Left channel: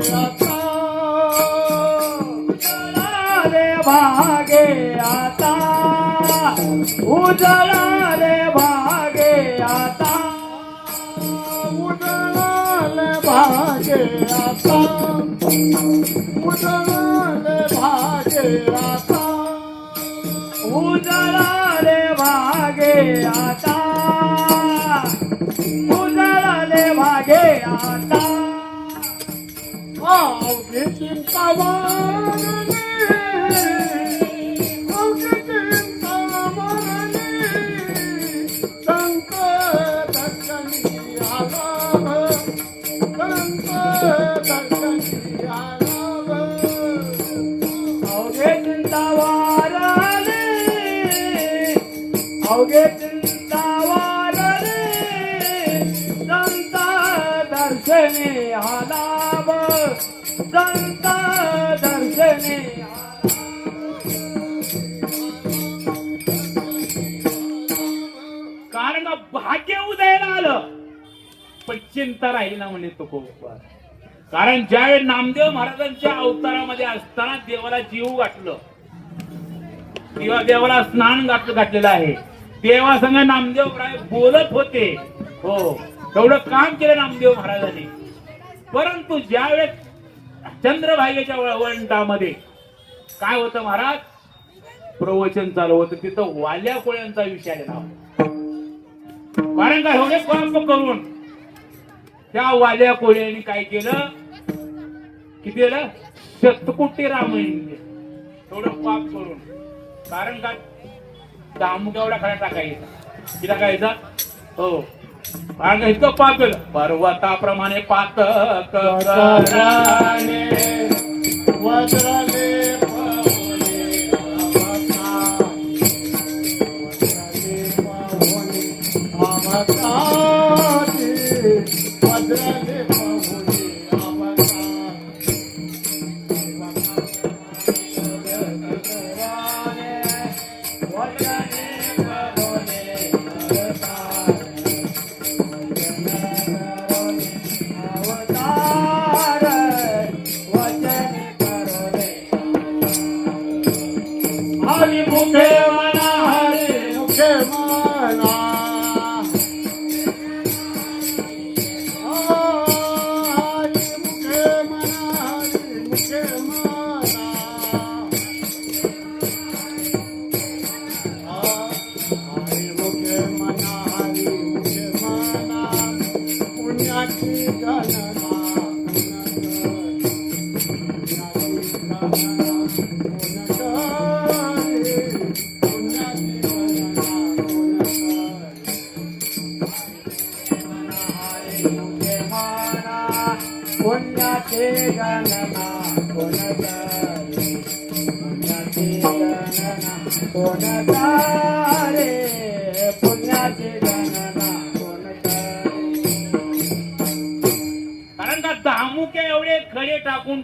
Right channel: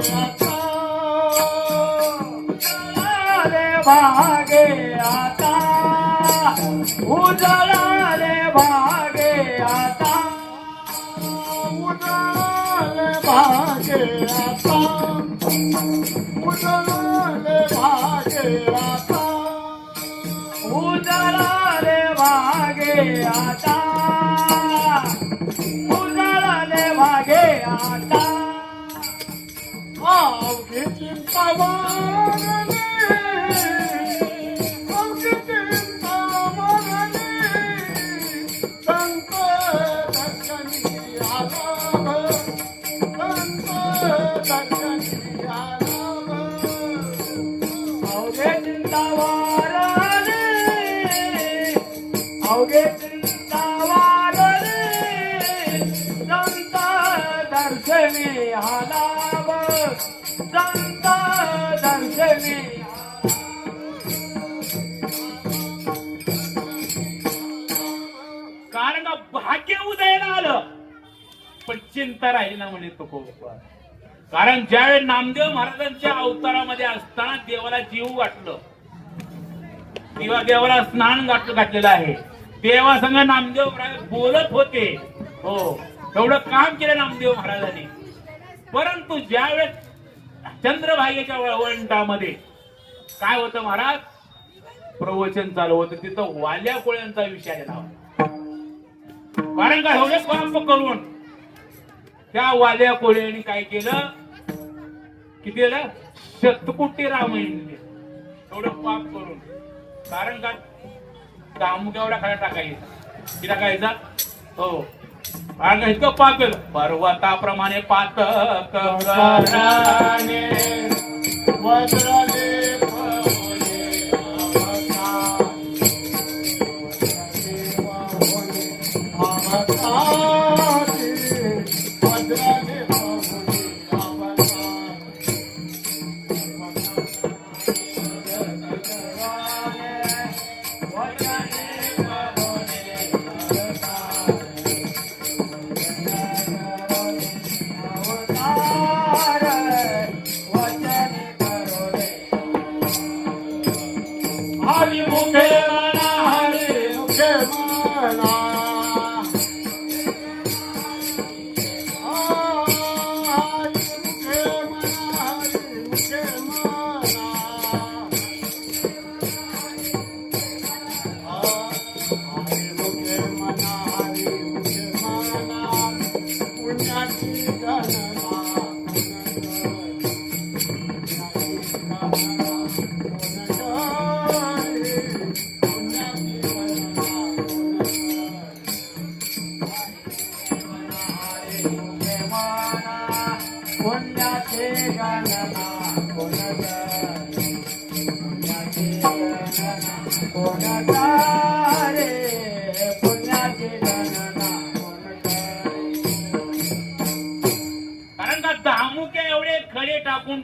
उजळाले भागे आता उजळाले भागे आता उजळाले भागे आता उजळाले भागे आता उजळाले भागे आता अवघी चिंता कारण भाग्य उदयाला आलं पण चिंता राहिली ना म्हणे तो कारण ज्यावेळी नामदेव महाराजांच्या अवतारामध्ये असताना देवाला जीव वाटलं देवाला स्नान घातलेलं आहे देवासंग नामदेव बोलत होते हो एवढं काम केलं नामदेव महाराजांनी परंतु ज्यावेळेस चंद्रभागेच्या वळवंटामध्ये काय होतं महाराज प्रवचन चालू होतं तिथं वाल्या कोळ्यांचा विषय आहे ना कारण काय एवढे पाप करून त्या वाल्या कोळ्यांनी काय केलं किती झालं शतकोटी रामायण एवढं पाप करून कारण काय दामू केवढा खाला टाकायचा किती टाकायचा हो कारण इतकं पाप केलं पर्वताप्रमाणे पातक कराने वज्राने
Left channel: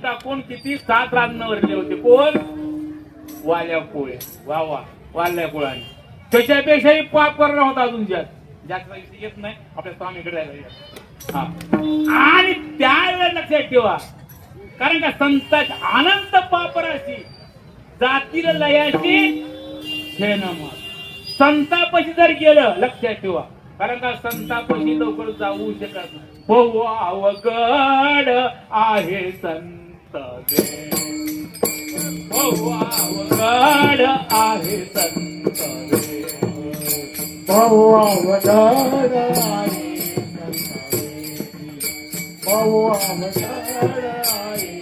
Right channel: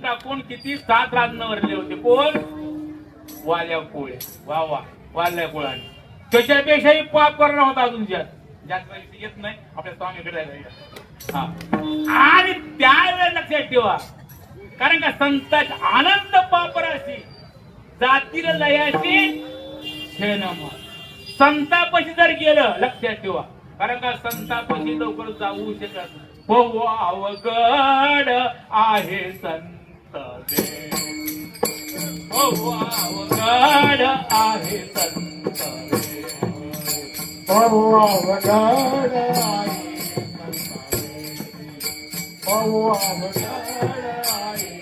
टाकून किती 7 रांगणवरले होते कोण वाल्या कोळे वा वा वाल्या कोळाने त्याच्यापेक्षाही पाप करणं होता अजून जास्त येत नाही आपल्या स्वामीकडे आणि त्यावेळेला लक्षात ठेवा कारण का संतांची आनंद पापराशी जातील लयाशी संतापाशी जर गेलं लक्षात ठेवा कारण का संतापाशी लवकर जाऊ शकत नाही हो अवघड आहे संत हो अवघड आहे संत हो अवघड आहे हो अवघड आहे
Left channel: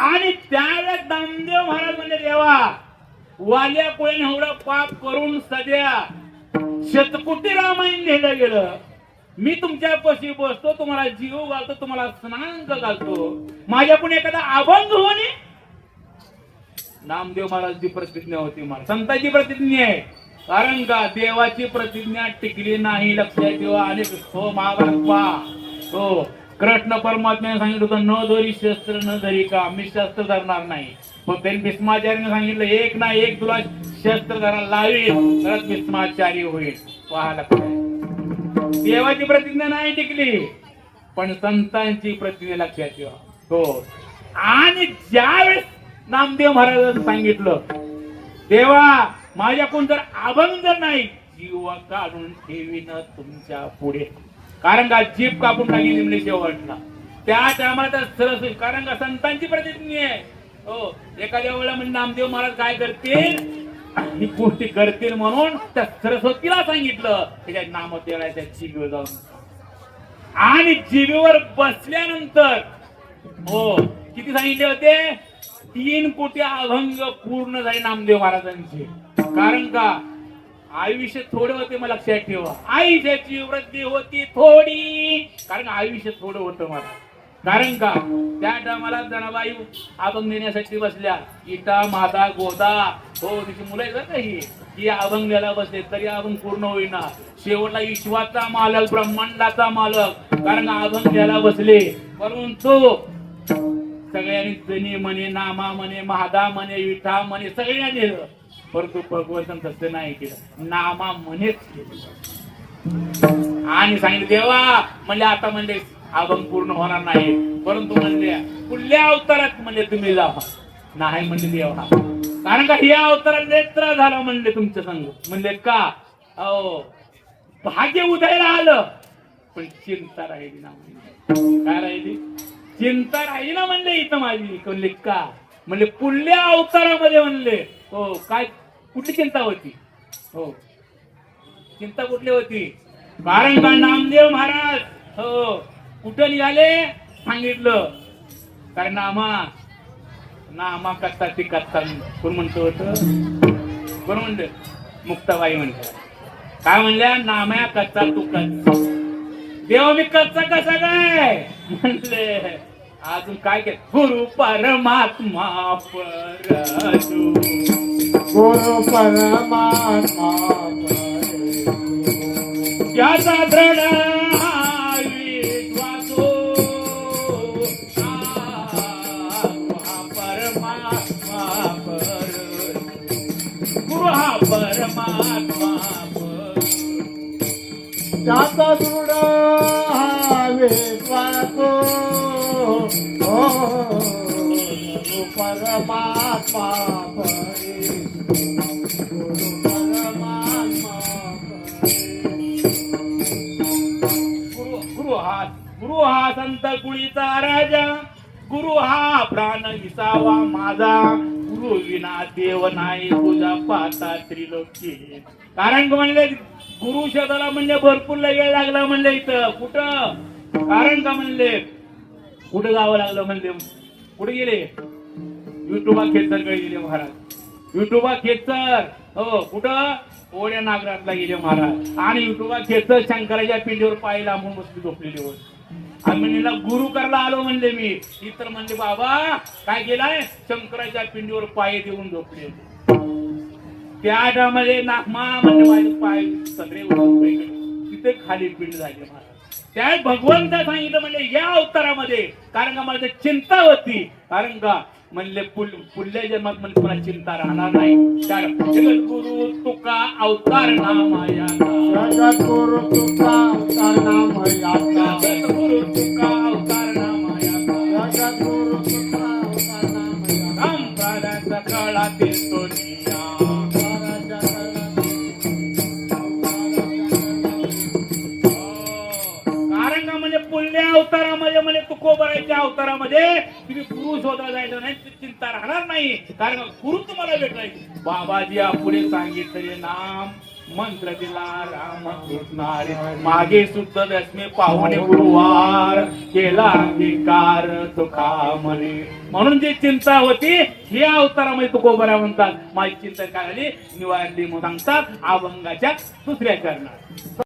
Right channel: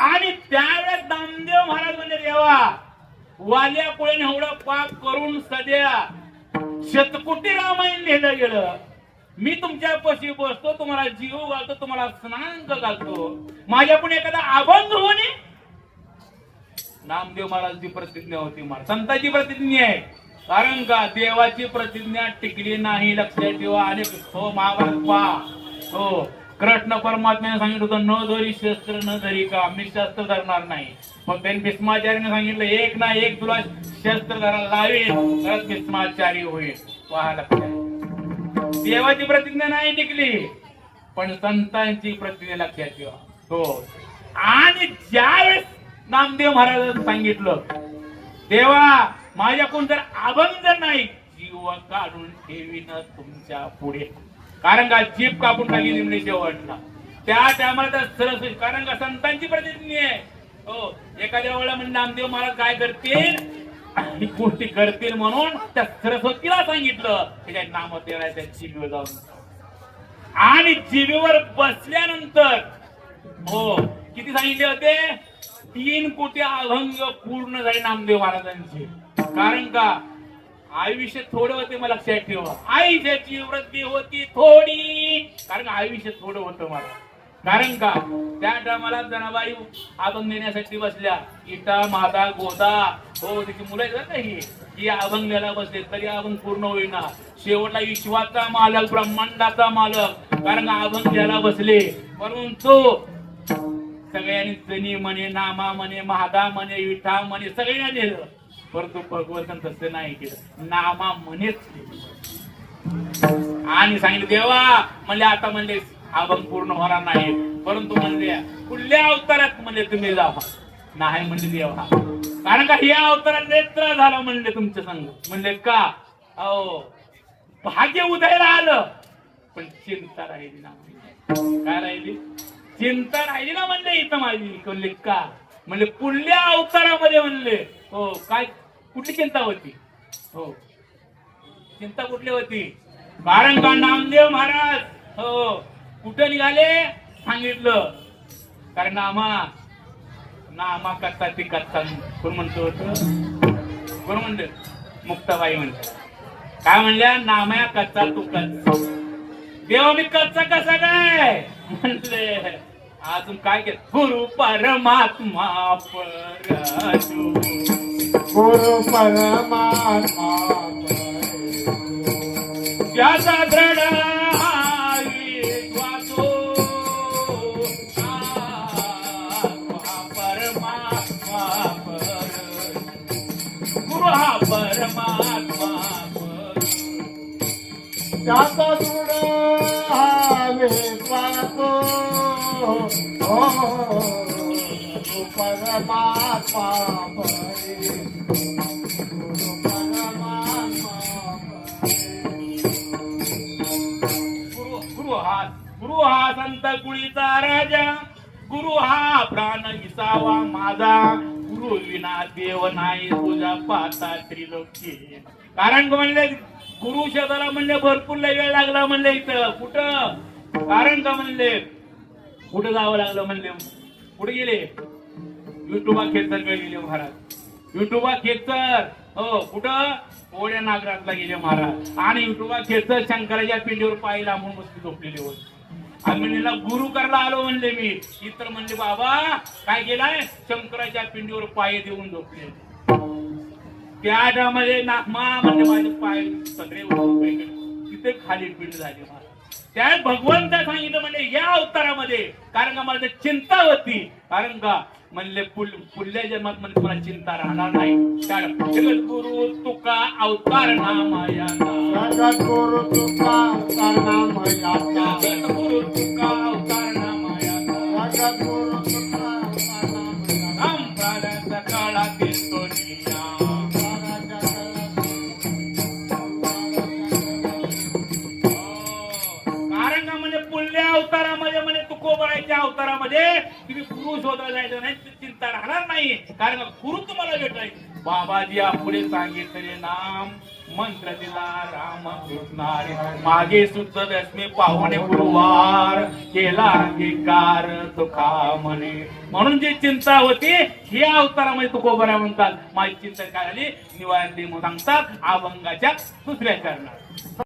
आणि त्यावेळेस नामदेव महाराज म्हणजे देवा वाल्या कोळ्याने एवढा पाप करून सध्या शतकोटी रामायण लिहिलं गेलं मी तुमच्या पशी बसतो, तुम्हाला जीव घालतो, तुम्हाला स्नान घालतो, माझ्या पुढे एखादा अभंग होणे. नामदेव महाराजची प्रतिज्ञा होती, मला संतांची प्रतिज्ञा आहे. कारण का देवाची प्रतिज्ञा टिकली नाही, लक्षात ठेवा. अनेक हो महाभारत हो कृष्ण परमात्म्याने सांगितलं होतं न धरी शस्त्र न धरी का, मी शस्त्र धरणार नाही. मग त्यांनी भीष्माचार्याने सांगितलं एक ना एक तुला शस्त्र धरायला लावेल, तरच भीष्माचार्य होईल. पहा लक्षात, देवाची प्रतिज्ञा नाही टिकली, पण संतांची प्रतिज्ञा लक्षात ठेवा. हो आणि ज्यावेळेस नामदेव महाराजांनी सांगितलं देवा माझ्याकडून जर अभंग नाही, जीव काढून ठेवीन तुमच्या पुढे. कारण का जीभ कापून टाकली म्हणजे शेवटला त्या टायमाला सरस्वती. कारण का संतांची प्रतिज्ञा आहे. हो एखाद्या वेळेला म्हणजे नामदेव महाराज काय करतील, ही गोष्टी करतील म्हणून त्या सरस्वतीला सांगितलं त्याच्या नाम त्या जिभेवर जाऊन. आणि जिभेवर बसल्यानंतर हो किती सांगितले होते, 3 कोटी अभंग पूर्ण झाले नामदेव महाराजांचे. कारण का आयुष्य थोडे होते, मला लक्षात ठेवा. आयुष्याची वृद्धी होती थोडी, कारण आयुष्य थोडं होतं मला. कारण का त्या टायमाला जनाबाई अभंग देण्यासाठी बसल्या, इटा माता गोदा हो तिची मुलं आहेत ही अभंग द्यायला बसले, तरी अभंग पूर्ण होईना. शेवटला विश्वाचा मालक, ब्रह्मांडाचा मालक, कारण अभंग द्यायला बसले. परंतु सगळ्यांनी जनी म्हणे, नामा म्हणे, महादा म्हणे, विठा म्हणे, सगळ्यांनी दिलं. परंतु भगवंतन तसं नाही केलं, नामा म्हणेच आणि सांगितलं देवा म्हणले आता म्हणले अभंग पूर्ण होणार नाही. परंतु म्हणले पुढल्या अवतारात म्हणले तुम्ही जा. नाही म्हणले देवा, कारण का या अवतारात नेत्र झाला म्हणले तुमच्या संग. म्हणले का अहो भाग्य उदयाला आलं, पण चिंता राहिली ना. काय राहिली, चिंता राहिली ना म्हणले इथं माझी. म्हणले का, म्हणले पुढल्या अवतारामध्ये म्हणले हो काय कुठली चिंता होती. हो चिंता कुठली होती, कारण का नामदेव महाराज हो कुठं निघाले सांगितलं. कारण नामा करता ती करता कोण म्हणतो कोण म्हणते, मुक्ताबाई म्हणते. काय म्हणल्या, नाम्या कच्चा तू कच्चा. देवा मी कच्चा कसा काय म्हणले. अजून काय केलं, गुरु परमात्मा परजू, गुरु परमात्मा ज्याचा दृढ विश्वासो, परमात्मा परजू, गुरु हा परमात्मा ज्याचा दृढ विश्वासो, परमात्मा गुरु हा संत कुळीचा राजा, गुरु हा प्राण विसावा माझा, गुरु विना देव नाही तुझा पाता त्रिलोकी. कारण म्हणले गुरु शोधाला म्हणले भरपूर वेळ लागला म्हणले इथं. कुठं, कारण का म्हणले कुठं जावं लागलं म्हणले, कुठे गेले, युट्यूबा खेचरकडे गेले महाराज. युट्यूबा खेचर हो कुठं, ओढ्या नागरातला गेले महाराज. आणि युट्यूबा खेचर शंकराच्या पिंडीवर पाय लांबून बसली झोपलेली होती. म्हणलेला गुरु करायला आलो म्हणले मी. इतर म्हणले बाबा काय गेलाय, शंकराच्या पिंडीवर पाय देऊन झोपले. त्या टायमामध्ये नागमा म्हणजे माझे पाय सगळे तिथे खाली पिंड झाली. त्या भगवंत सांगितलं म्हणजे या अवतारामध्ये, कारण का माझी चिंता होती. कारण का म्हणले पुढल्या जन्मात म्हणजे तुला चिंता राहणार नाही. जगत गुरु तुका अवतार नामया, जगत गुरु तुका अवतार नामया, जगत गुरु तुका अवतार नामया, जगत गुरु तुका अवतार नामया, काळातील सोनिया. कारण का म्हणजे पुढल्या अवतारामध्ये म्हणजे तुकोबराच्या अवतारामध्ये तुम्ही गुरु शोधला जायचं नाही, चिंता राहणार नाही. कारण गुरु तुम्हाला भेटलाय. बाबाजी पुढे सांगितले नाम मंत्र दिला राम कृष्ण मागे सुद्धा दशमी पावणे गुरुवार केला अंगीकार तुका म्हणे. म्हणून जी चिंता होती या अवतारामध्ये तुकोबरा म्हणतात माझी चिंता काय झाली निवारली म्हणून सांगतात अभंगाच्या दुसऱ्या चरणात.